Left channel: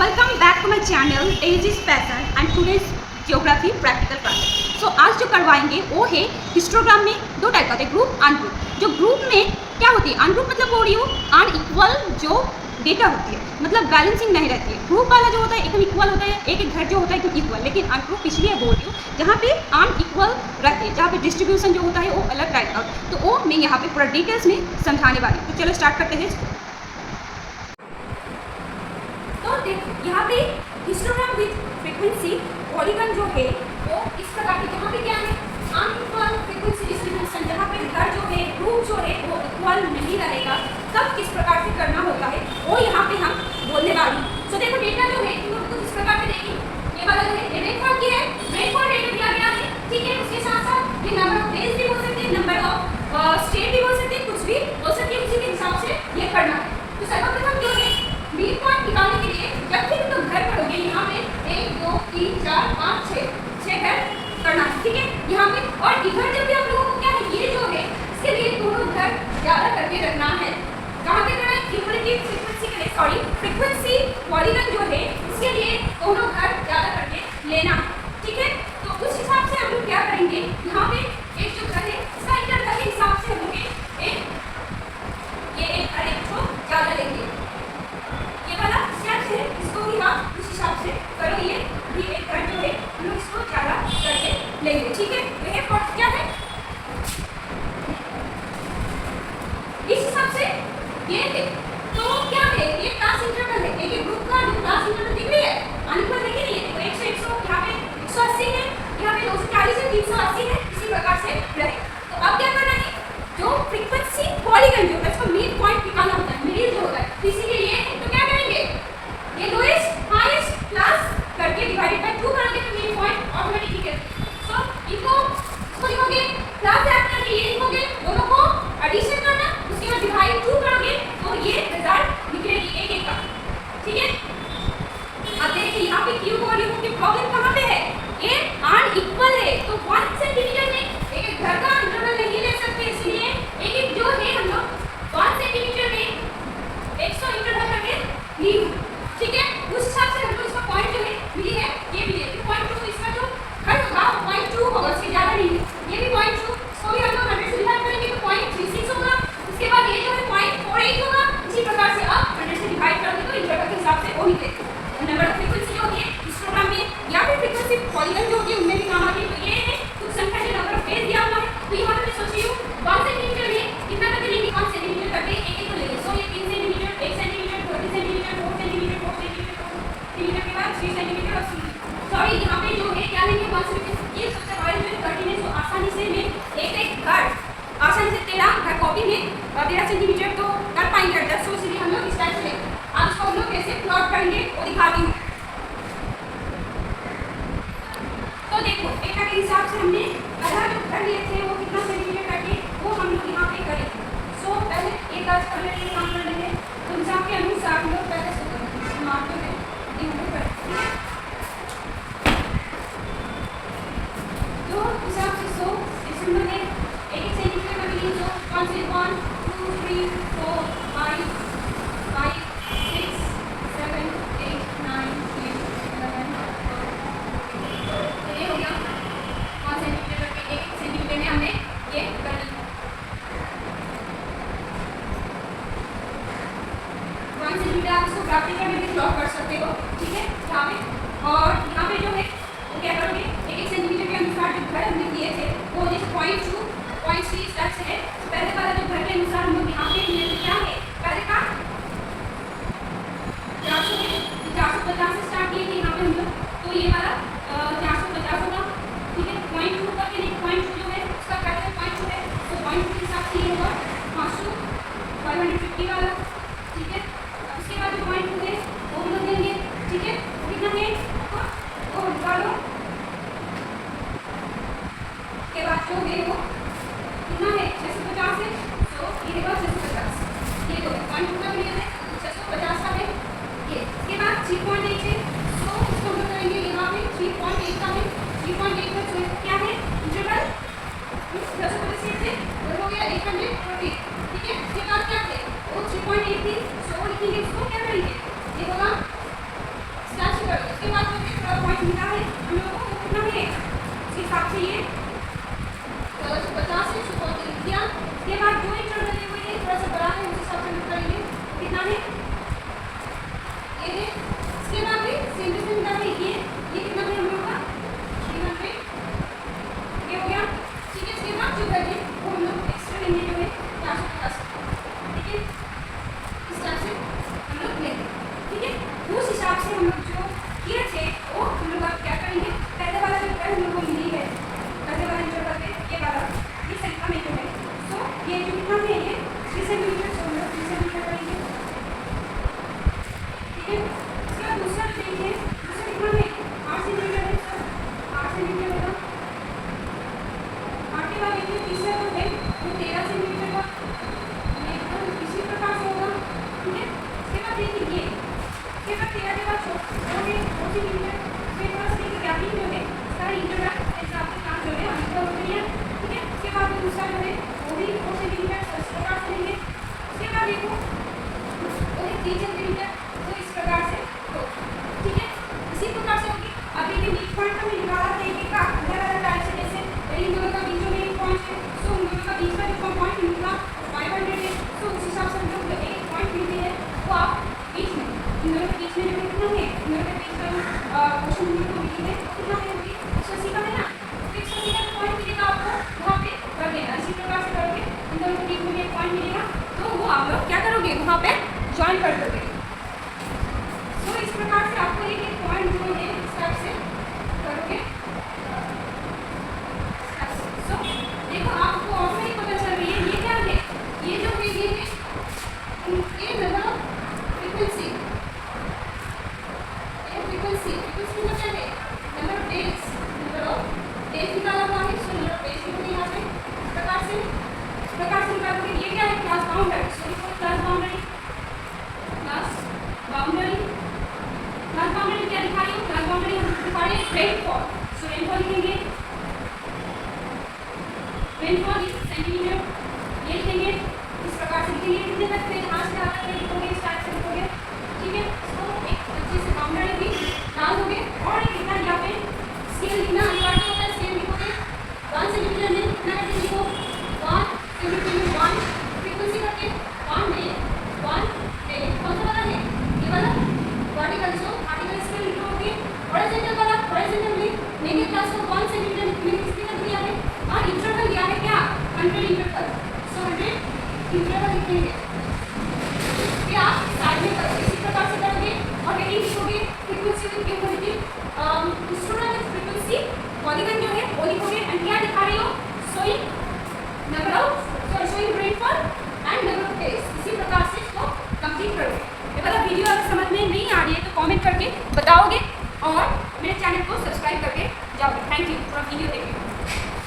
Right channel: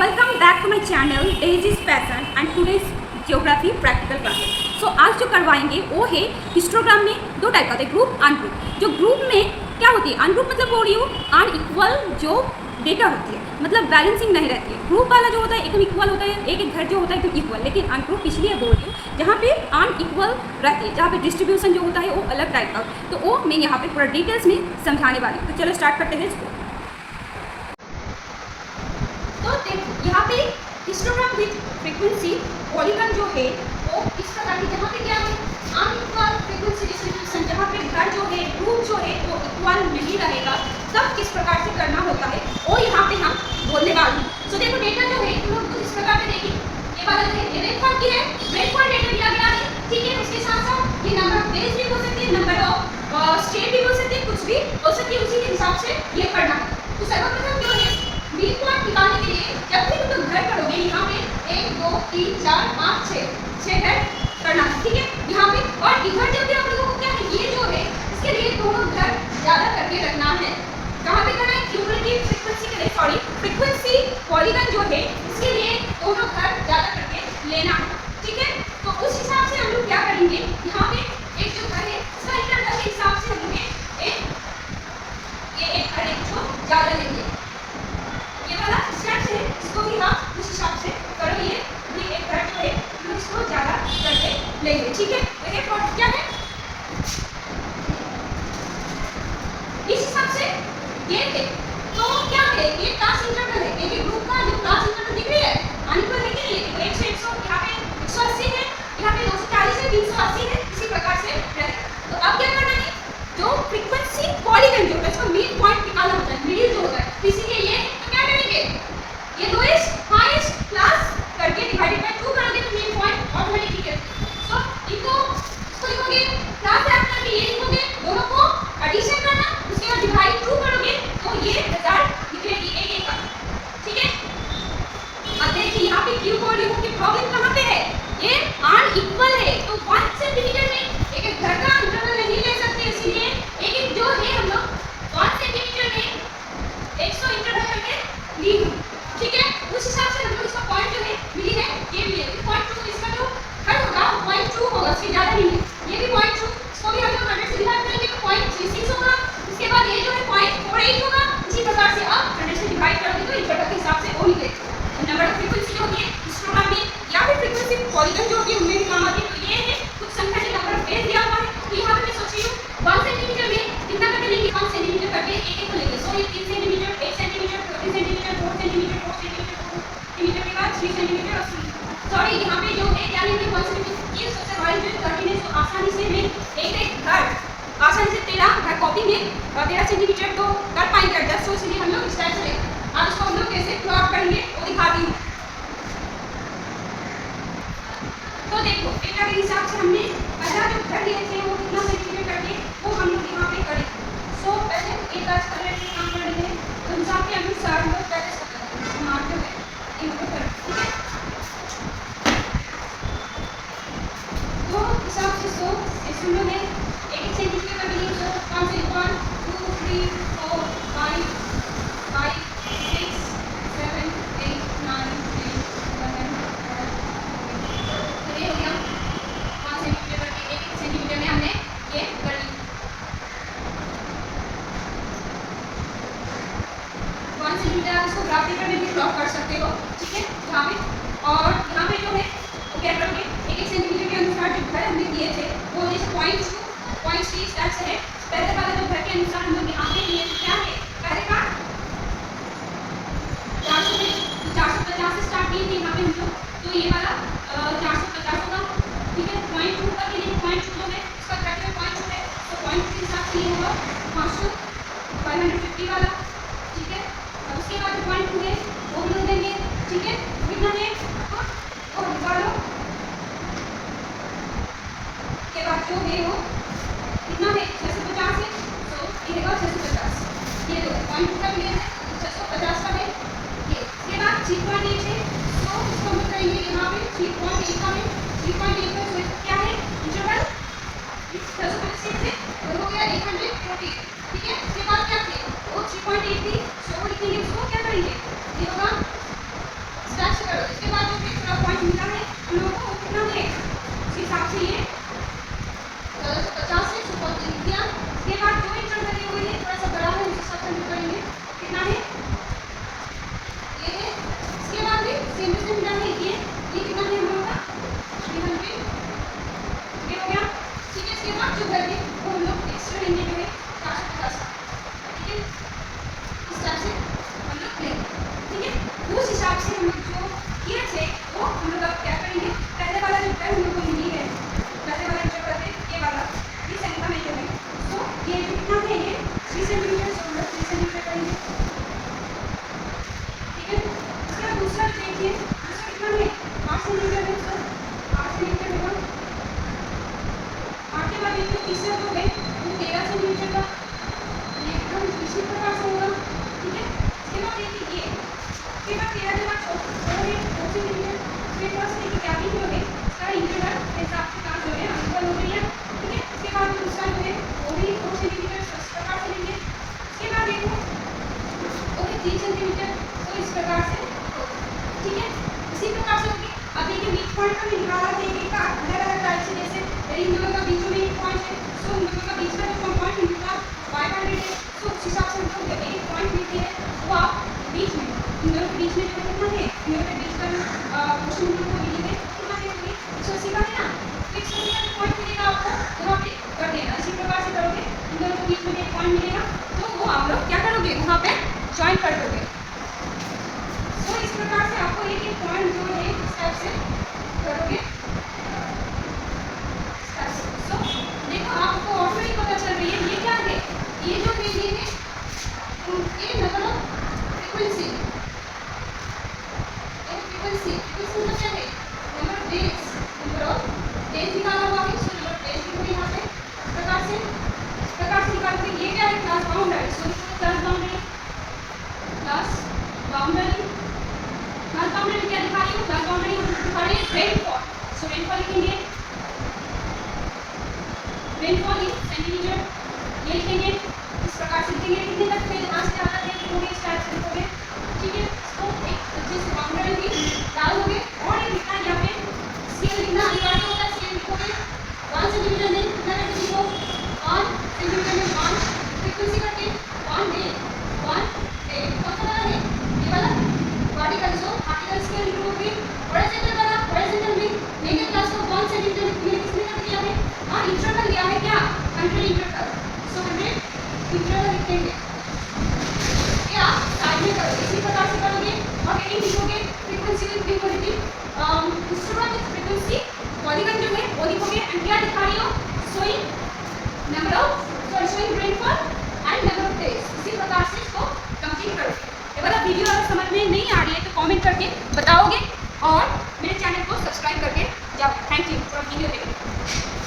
Welcome back to my channel एज इज पैसन and today's geography practical classes. So आज जो करवाएंगे वो है हिस्टोग्राम में दो टाइप का होता है, ग्रुप अनग्रुप। जो ग्रुप में क्या होती है, अनग्रुप मतलब बोल रही हूँ अनइक्वल जो डेटा होती है, मतलब बैलेंसिंग नहीं रहती है। ग्रुप वाला जो होता है एकदम इक्वल होता है, एक एक घर जो होता है एकदम इक्वल। लेकिन अनग्रुप इसलिए बोल रही हूँ जहाँ पे अनइक्वल रहती है, जहाँ पे डिस्ट्रीब्यूशन जो होता है वो अलग टाइप का। तो वो मैं यहाँ पे पूरा डिटेल्स में समझाने वाली हूँ। तो चलो स्टार्ट करते हैं इसको। तो देखो यहाँ पे हिस्टोग्राम विद फ्रीक्वेंसी पॉलीगन जो है वो इस प्रकार की, जहाँ पे क्या है अनइक्वल फ्रीक्वेंसी डिस्ट्रीब्यूशन, जहाँ पे घर जो है ग्रुप जो है वो इक्वल नहीं रहेगा, तब किस प्रकार से करना होता है वो यहाँ पे हम बोलने वाली हूँ। सो देखो डेटा जो है तुम लोग इस प्रकार से देखिए, ये वाला जो है रेनफॉल की है, रेनफॉल डेटा दिया गया है, ठीक है। उसके साथ साथ ये नंबर ऑफ डेज भी बोल सकते हैं, नंबर ऑफ स्टेट भी बोल सकते हैं, कुछ भी बोल सकते हैं। उसी के हिसाब से ये करना है। तो सर्वप्रथम जो है मीन पॉइंट निकालने के लिए जब भी तुम घर करोगे यहाँ पे 1 2 3 4 5 6 घर करना है, ठीक है यहाँ पे। और इधर जब भी आप लोगों को क्या है, ये जो है इसके लिए दोनों घर ज्यादा करके रखना है। कहाँ पे करना है, क्यूमुलेटिव फ्रीक्वेंसी के लिए, सॉरी फ्रीक्वेंसी पॉलीगन जो है इसके लिए दोनों घर ज्यादा करके लेना है, ठीक है। तो उस हिसाब से हम लोग क्या करेंगे, यहाँ पे एक जो घर है इसका इंटरवल के हिसाब से हम लोग ये एक घर एक जो ज्यादा लेंगे, ये वाला स्टेप है, इसको भी आप उस हिसाब से करो। ये एक घर जो है हम लोग इसको ज्यादा करके लेंगे, ठीक है। तो ये फॉर्म क्या है, इस हिसाब से ये है। तो क्या है, ये क्लास इंटरवल है, एक ग्रुप का जो क्लास इंटरवल दिख रही है अनइक्वल है कि नहीं, देखो 100 यहाँ पे 180 है, यहाँ पे 240 है, 380 है, इसी प्रकार से रहेगा। तो अब क्या करना है, जो फ्रीक्वेंसी पॉलीगन जो है इसको मिड पॉइंट निकालना होता है, मिडिल जो होता है, तो इसीलिए ये है। तो क्या करेंगे, ये लोएस्ट हाईएस्ट क्लास करके डिवाइडेड बाय 2 करोगे तो मिड पॉइंट ऑटोमेटिकली है। सो इनको लिखोगे क्लास ऐड करके, ये लिखोगे, दोनों को एडिशन करना, उसके बाद डिवाइड 2 करोगे तो ये रिजल्ट निकलेगी एक एक का, ठीक है। अब देखिए यहाँ पे क्यों बोल रही हूँ कि प्रॉब्लम कहाँ पे है, ये अनइक्वल है। तो 1 सेंटीमीटर में एक एक घर का इंटरवल नहीं ले सकते, इसलिए एक एक जो है हम लोग 1 सेंटीमीटर में 100 इंटरवल करके ली, ठीक है। उस हिसाब से हम लोग इसका पॉइंट जो है मिली है, ये मिली है 0.2। इसमें जो घर होगा 0.2 होगा, इससे ज़्यादा नहीं है। ये भी 0.2, इसको भी हम लोग 100 से डिवाइड करेंगे तो 0.36 होगा। उसके बाद ये जो है 0.48 होगा। इसी प्रकार से आप 100 से डिवाइड करोगे तो इंटरवल के हिसाब से वो निकलेगा। नंबर ऑफ फ्रीक्वेंसी जो होती है हिस्टोग्राम में या फिर फ्रीक्वेंसी पॉलीगन जो होती है उनमें भी काम आती है। तो ये है कुछ संख्या जो नंबर ऑफ डेज दिया हुआ है, तो यहाँ पे मैं सोच रही हूँ 1 सेंटीमीटर में कितना करके लेंगे, 1 सेंटीमीटर करके एक एक को लेंगे। सो ये 3 centimetre, 1 centimetre, 30 centimetre, 4 centimetre, 4 centimetre, 4 centimetre के बाद 3 सेंटीमीटर और सॉरी यहाँ पे जो है क्या लेंगे 1 सेंटीमीटर। ये सबसे बड़ा जो 13 है, तो आसानी से मैं एक एक घर आसानी से 13 घर कॉपी में 13 सेंटीमीटर तो कर पाएंगे एडजस्ट। तो इसलिए हम लोग इस टाइप से लेंगे। अब इसको हम लोग कैसे प्लॉट करेंगे वो दिखाती हूँ। तो देखो डेटा के हिसाब से हमने पहला जो घर लिए थे वो कितना सेंटीमीटर करके वो हम लोग यहाँ पे करेंगे। सो पहले एक आज कर लेते हैं, काम कर लेते हैं, तो हिसाब के अनुसार हम लोग पहले से करेंगे, मान जो है ये हम लोग करेंगे, ठीक है। तो हिसाब से सो इस हम लोग एक एक सेंटीमीटर कर लिए। सो 1 से 1 2 3 4 5 5 6 7 8 9 10 11 12 हो गया 1 सेंटीमीटर करके, एक सेंटीमीटर में हमने ये कर ली। 1 सेंटीमीटर आप इसको ग्राफ पेपर में भी प्लॉट कर सकते हो, ठीक है यहाँ पे। और यहाँ पे जो है वो क्या करोगे, एक एक सेंटीमीटर के अनुसार जो घर हमने दिए थे वो जैसे 0.2 0.3 तक से है। पहले वाला जो घर के अनुसार हम लोग यहाँ पे लिए थे क्या है, पहले का 400 है, तो 450 से स्टार्ट किए थे यहाँ पे हम लोग। तो ये वाला 450 होगा, ठीक है। 0.2 का भी 0.2 जो है उसका क्या है 0.2 है, तो 0.2 के हिसाब से ये होगा 500 550 वाला, ठीक है। उसके बाद 0.2 है वो भी लोग देंगे, ठीक है। वो कितना है तो निकालो, के बाद जो है वो कितना है 650 है, तो ये होगा 650। ये तो 0.2 का भी है 650 का है ये। इसके बाद 3.8 है, तो इसको हम लोग करेंगे यहाँ पे 3.8 का है, 3.8 का जो क्या है इंटरवल इस 650 से वो हो गया 840, ठीक है। इसके बाद क्या है वो 3.8 थी, सो लिखेंगे, इसको क्या करेंगे ये होगा फिर इसके बाद दूसरा देखिए, दूसरा कितना है 8 सेंटीमीटर है, सर 8 सेंटीमीटर होगा। 8 के बाद देखिए तीसरा जो है वो 13 सेंटीमीटर का, ये एकदम इसी प्रकार से होगा, ठीक है। इसके बाद देखिए ये, इसके बाद 13 के बाद हो गए 2 सेंटीमीटर, फिर बस देखिए गैपिंग जो है इसका इंटरवल हिसाब से कहाँ जो है अंतर हो गई है, ठीक है। इसके बाद दूसरा जो है वो भी 2 सेंटीमीटर इस प्रकार से लेंगे। इसके बाद देखो ओके 3 सेंटीमीटर, तो इस प्रकार से हो, ठीक है। इसी प्रकार से होगी। अब देखिए मिड पॉइंट का भी निकाला है, एक का अलग अलग टाइप से, जैसे इन दोनों का बीच में एक पॉइंट है, सो इन दोनों का बीच का जो पॉइंट निकला 500 है, तो उस हिसाब से हमको एक पॉइंट मिलती है वो आप बीच में, इन दोनों के बीच में जो कितना है, इन दोनों के बीच का जो क्वेश्चन को मिली है कितना है, होगी 180 का है ना, तो 180 का पॉइंट मिलेगा आपको वहाँ पे कर देना। इसी प्रकार से करोगे, इन दोनों के बीच में एक पॉइंट मिलेगा, तो वो आप लोग क्या करोगे वहाँ पे ज्वाइन कर दोगे। तो इस प्रकार से आपको एक एक पॉइंट जो है इस टाइप से करोगे। सो देखो आपको ऑटोमेटिक पता चल रही है ये क्या है, ये जो है ये है ये नंबर ऑफ फ्रीक्वेंसी, ये फ्रीक्वेंसी मतलब क्या है number of days, number of days निकाला हुआ है, सो नंबर ऑफ डेज लिखोगे यहाँ पे प्रकार से निकालोगे। ये क्या है class boundary, so class boundary क्या दिखा रही हूँ, क्लास बाउंड्री दिखा रही है रेनफॉल, सो रेनफॉल लिखेंगे, रेनफॉल इन सेंटीमीटर, ये लिखेंगे इस प्रकार से लिखेंगे। कितने तक है यहाँ से ज़्यादा है लिखोगे, इस टाइप से लिखोगे, ठीक है। इसको एक अच्छे से बाउंड्री भी डाल दोगे। और एक लिखना यहाँ पे स्केल लिखना अनिवार्य होता है, स्केल लिखोगे 1 सेंटीमीटर में कितना करके लिखो 1 सेंटीमीटर में 1 फ्रीक्वेंसी करके 1 डे कौन सा वाला है ये वाला वर्टिकल, सो वर्टिकल स्केल लिखोगे। हॉरिजॉन्टल वाला हॉरिजॉन्टल में लेंगे क्लास को 1 सेंटीमीटर में किसने कर दिया है, हाँ इंटरवल दिया है क्या 100 इंटरवल, सो 100 इंटरवल लिखेंगे। ये आप साइड में करोगे, इसी प्रकार से करोगे और हेडिंग लिखोगे फ्रीक्वेंसी विद क्यूबिलिटी, इंस्ट्रूमेंट विद फ्रीक्वेंसी, पॉलीगन जो है वो लिखोगे एंड क्या दिखा रही हो showing number of showing rainfall and number of days. इसी प्रकार से इसको कंप्लीट करोगे। ये वाला वीडियो अगर समझ में नहीं आ रही है तो कमेंट करके बताओगे और मेरे चैनल को सब्सक्राइब करके जाओगे। थैंक यू पूरा वीडियो देखने के लिए।